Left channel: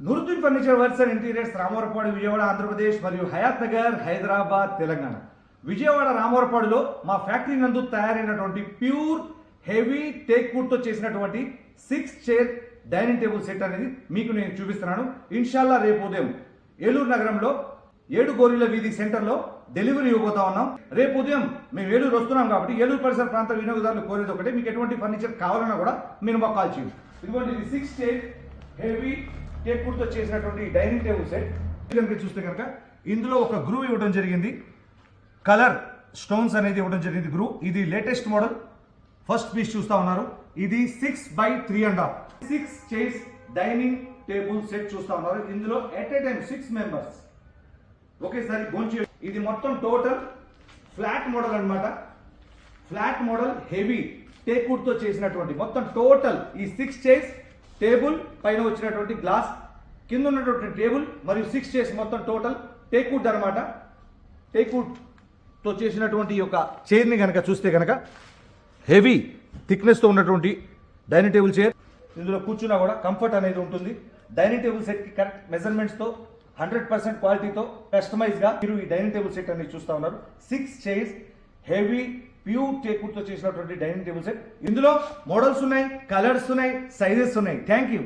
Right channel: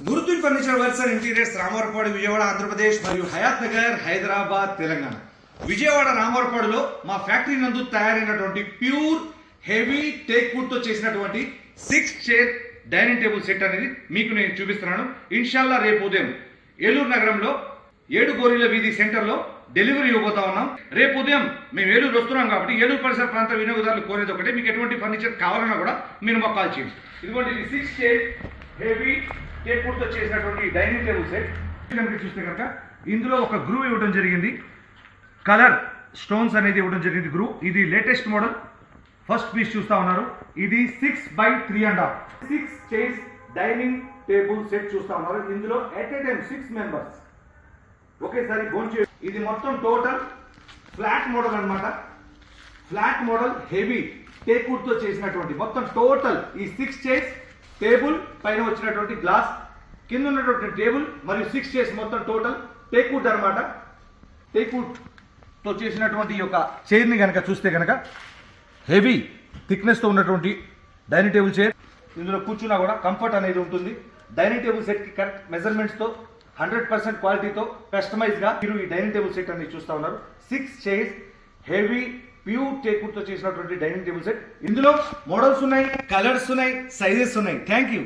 గురుతుల్ furniture works and interiors Ramavarapadu Vijayawada Andhra Pradesh మరియు హయాత్ నగర్ హైదరాబాద్ తెలంగాణ. విజయవాడ రామవరపాడులో మా factory నందు తయారైనటువంటి ప్యూర్ హెవీ టేక్ వుడ్ తో చేసినటువంటి 6 చైర్ డైనింగ్ టేబుల్ సెట్ అనేది మీకు నేను చూపిస్తున్నాను. ఇన్షాల్లా రేపు ఉదయం ఏలూరు నగరంలో 7 గోరీల వీధి సెంటర్లో డెలివరీ ఇవ్వబోతా ఉన్నాం. రేపు ఉదయం మేము ఏలూరు వస్తున్నాం కాబట్టి ఏలూరు పరిసర ప్రాంత వినియోగదారులు కోరేది ఒకటే, మీకు ఎటువంటి ఫర్నిచర్ కావాలన్నా కూడా మీరు మాకు కాల్ చేయండి. ఇదిగోండి, ఇది 6 చైర్ హెవీ టేక్ వుడ్ తో చేసినటువంటి డైనింగ్ టేబుల్ సెట్. చూస్తే కనుక ఇందులో ఒక గ్రూ ఇవ్వడం జరిగింది, కలర్ స్టోన్స్ అనేది ఇవ్వడం జరిగింది గ్రూ. ఇది లేటెస్ట్ మోడల్, ఫస్ట్ పీస్ చూస్తా ఉన్నారు. ఇది 6x3.5 6 chairs dining table set చూస్తా ఉన్నారు. ఇందులో ఎట్ ఏ టైం 6 మెంబర్స్ ఒకేసారి భోంచే. ఇది మొత్తం టోటల్ ఫ్లాట్ మోడల్ అన్నమాట. Flat model heavy teak wood తో చేసినటువంటి మొత్తం టోటల్ ఈ 6 చైర్స్, టేబుల్ పైన వచ్చినటువంటి గ్లాస్, కింద ఉన్నటువంటి టేబుల్ మరియు 6 చైర్స్ మొత్తం టోటల్ టేక్ వుడ్ అనమాట. టేక్ వుడ్ తో చేసినటువంటి ఈ యొక్క చైర్ ని కనుక చూస్తే కనుక హెవీ థిక్నెస్ తో ఉన్నటువంటి డైనింగ్ టేబుల్ చైర్. ఇందులో కూర్చున్నా కూడా కంఫర్ట్ అనేది ఉంటుంది. డైనింగ్ టేబుల్ సెట్ కి కరెక్ట్ మెజర్మెంట్స్ తో 100% క్వాలిటీతో కస్టమైజ్ గా మీరు ఈ డైనింగ్ టేబుల్ సెట్ అనేది చూస్తా ఉన్నారు. 6 chairs heavy pure teak wood తో చేసినటువంటి డైనింగ్ టేబుల్ సెట్. ఇందులో మోడల్స్ ఉన్నాయి, కలర్స్ ఉన్నాయి, సైజెస్ ఉన్నాయి. Thank you.